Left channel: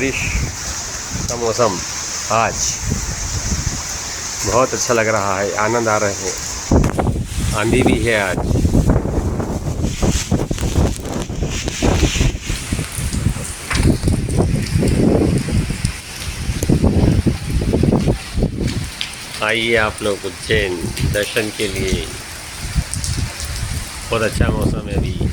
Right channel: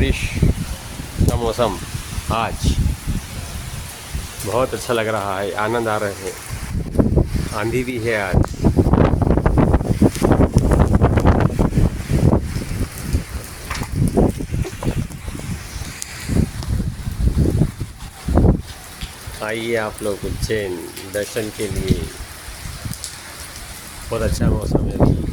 बारिश का मौसम आज बहुत अच्छा लग रहा है, आनंद आ रहे हैं। आंधी भी है आज। आइए आप लोग उज्जैन दर्शन के लिए। बहुत अच्छा मौसम है अभी।